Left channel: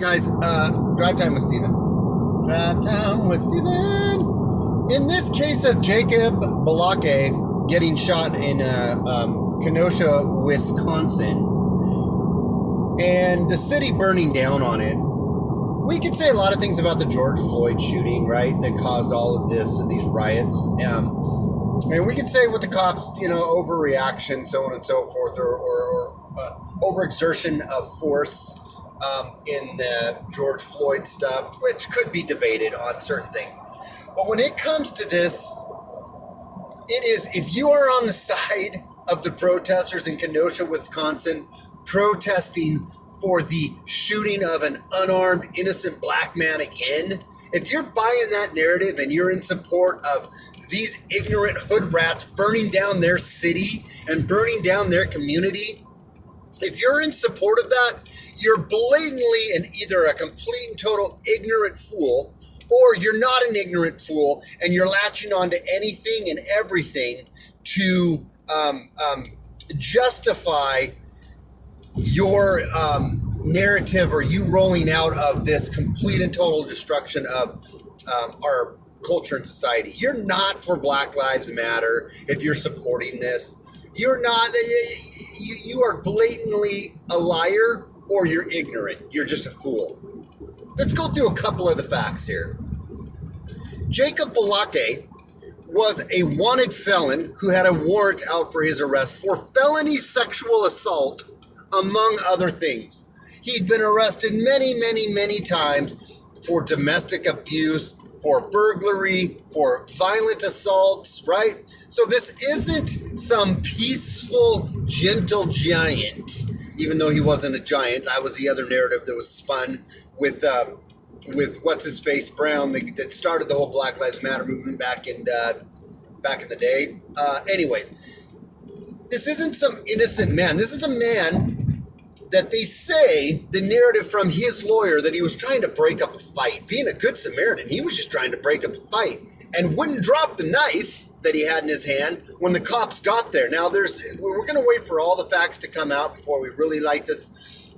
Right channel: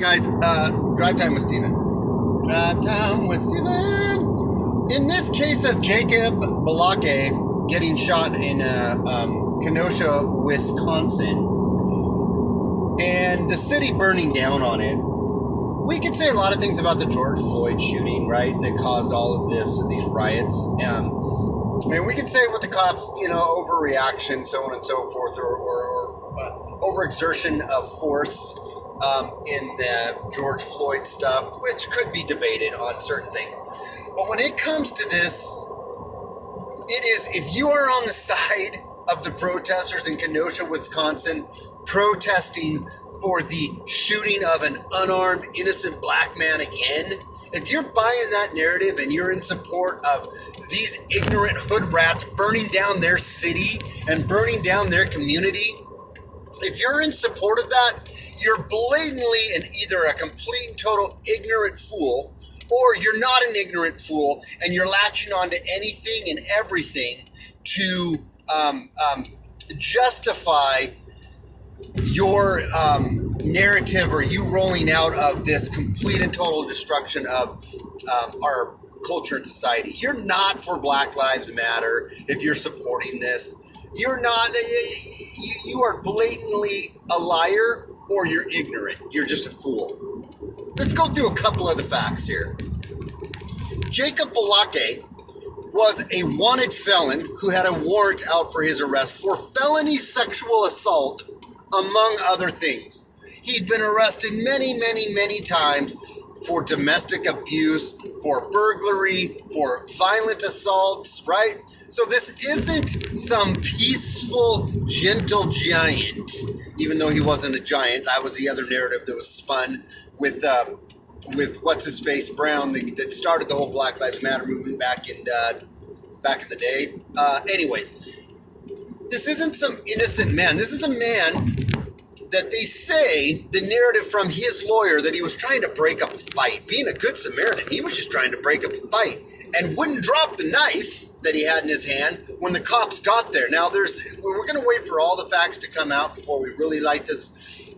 Guys, drive time with Steven. Drive time with Steven. In this case of Jacob Balake getting shot in Kenosha, Wisconsin, and the city burning down on it, we could say a lot of things about the George Floyd shooting, right, that caused all of these riots. And we could say with the cops, overreaction, so on and so forth, or overexertion of force in the George Floyd stuff, which could be debated on certain things. But when it comes to this, it is, if you are on the side of the protesters in Kenosha, Wisconsin, protesting for the shooting of an unarmed, innocent black man again, if you're buying that narrative and you're in support of these ignorant hood rats burning down their city and burning down their community, if you're in support of that, you're blatantly and either a complete and total ignorant fool, or you're not an ignorant fool and you're latching on to anything and everything to justify your narrative, or you rolling out of this complete and total destruction of our culture and society. You're not for Black Lives Matter if you're supporting this. You're not. You are blatantly a liar, or you're ignorant. You're just a fool. Let's go through a couple of the facts here. Jacob Balake was a wanted felon who had a warrant out for his arrest for felony sexual assault, among other things. He'd been arrested many, many, many times for domestic abuse, for burglary, for violent assaults, right? So this isn't some peaceful, gentle giant, even though he wasn't a giant. That was the other narrative that was spun with what's-his-face Brown that started the whole Black Lives Matter movement back in the day. Anyways, this isn't some innocent man. This is a man that they say, the narrative from his lawyer, that he was trying to break up a fight. Being a good Samaritan, he was just trying to break up a fight and wouldn't drop the knife that he had in his hand when the cops got there. Now, we're going to wait for all the facts to come out before we really light this,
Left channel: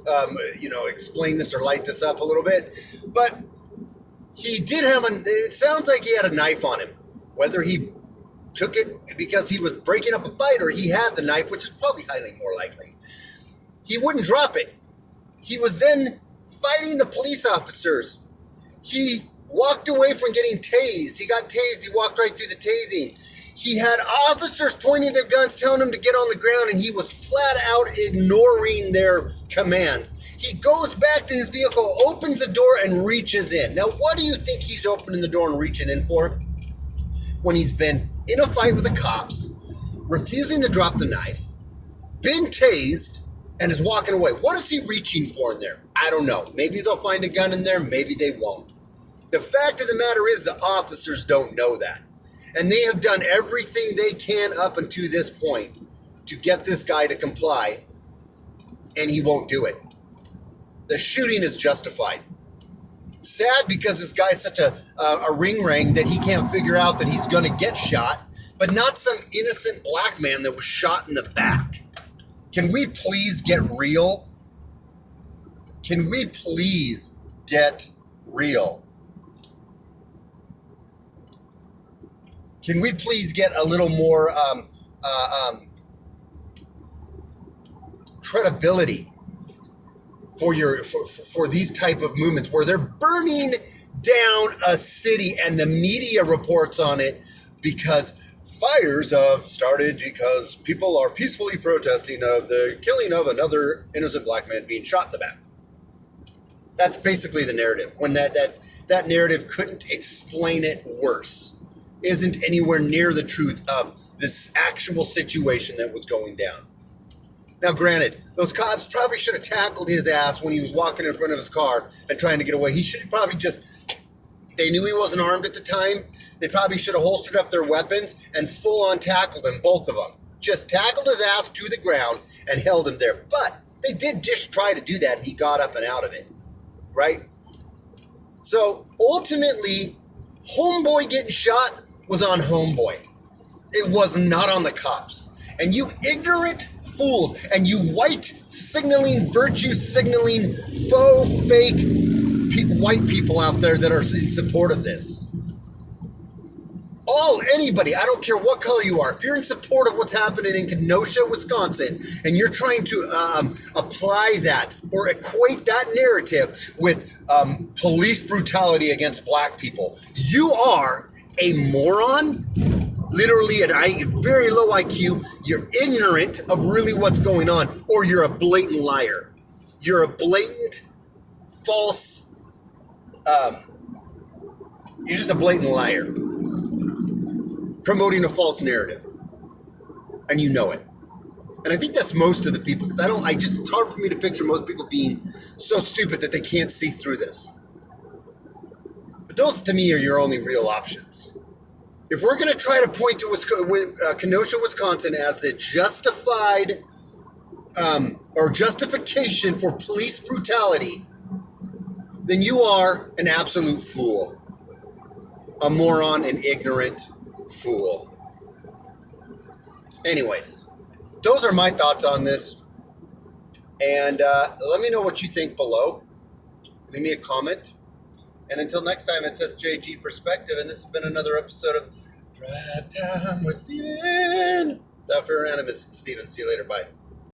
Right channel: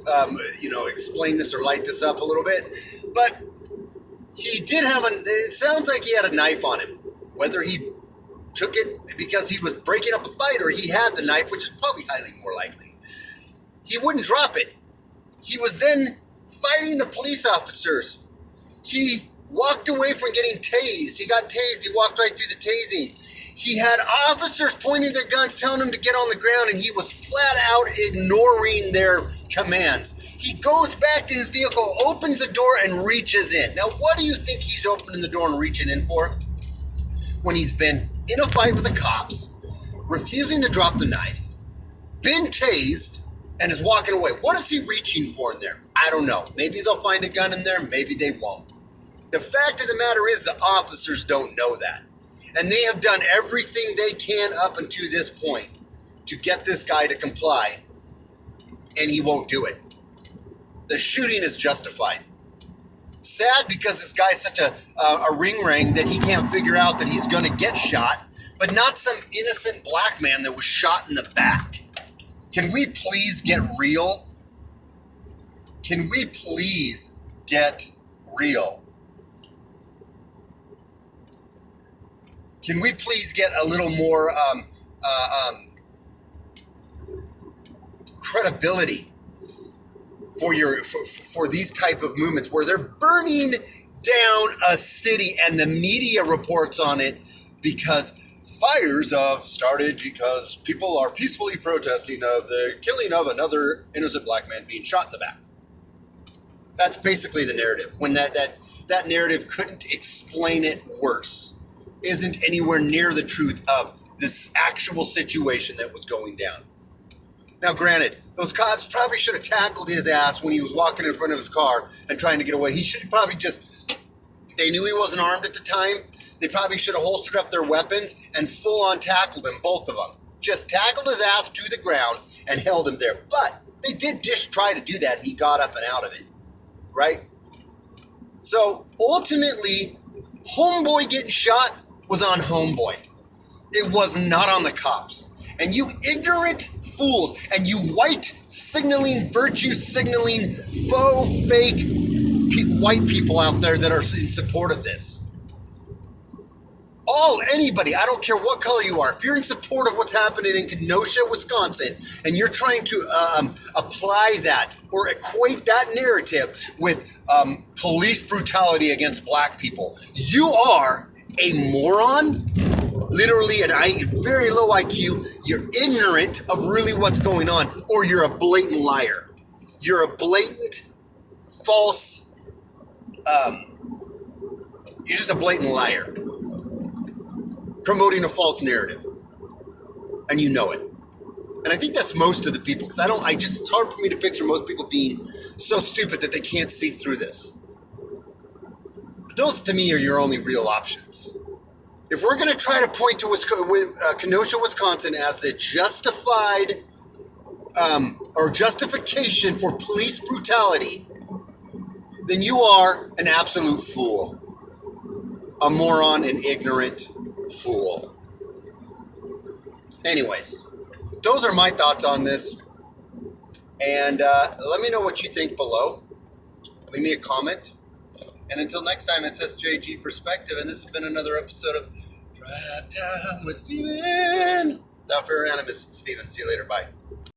explain this or light this up a little bit. But he did have it sounds like he had a knife on him. Whether he took it because he was breaking up a fight or he had the knife, which is probably highly more likely, he wouldn't drop it. He was then fighting the police officers. He walked away from getting tased. He got tased. He walked right through the tasing. He had officers pointing their guns, telling him to get on the ground, and he was flat out ignoring their commands. He goes back to his vehicle, opens the door, and reaches in. Now, what do you think he's opening the door and reaching in for? When he's been in a fight with the cops, refusing to drop the knife, been tased, and is walking away. What is he reaching for in there? I don't know. Maybe they'll find a gun in there. Maybe they won't. The fact of the matter is the officers don't know that. And they have done everything they can up until this point to get this guy to comply, and he won't do it. The shooting is justified. Sad because this guy's such a ring that he can't figure out that he's going to get shot, but not some innocent black man that was shot in the back. Can we please get real? Can we please get real? Can we please get a little more credibility for these type of movements where they're burning down a city and the media reports on it because fires have started because people are peacefully protesting of the killing of another innocent black man being shot in the back. That's basically the narrative. When that narrative couldn't explain it worse, isn't anywhere near the truth of this actual situation that was going down. Now, granted, those cops probably should have tackled his ass when he was walking in front of his car and trying to get away. He should have probably they knew he wasn't armed at the time. They probably should have holstered up their weapons and full-on tackled him, both of them. Just tackled his ass to the ground and held him there. But they did try to do that, and he got up and out of it, right? So, ultimately, homeboy getting shot was on homeboy. It was not on the cops. And you ignorant fools and you white signaling, virtue signaling, faux, fake white people out there that are in support of this. Anybody, I don't care what color you are, if you're in support of what's happening in Kenosha, Wisconsin, and you're trying to apply that or equate that narrative with police brutality against black people, you are a moron, literally very low IQ, you're ignorant of really what's going on, or you're a blatant liar. You're a blatant, false, you're just a blatant liar. Promoting a false narrative, and you know it. And I think that's most of the people, because it's hard for me to picture most people being so stupid that they can't see through this. But those, to me, are your only real options. If we're going to try to point to Kenosha, Wisconsin as the justified or justification for police brutality, then you are an absolute fool, a moron, an ignorant fool. Anyways, those are my thoughts on this, and let me know what you think below. Leave me a comment, and until next time, it's SJG Perspective, and this has been another episode of Drive Time with Steven. Without further animus, it's Steven. See you later. Bye.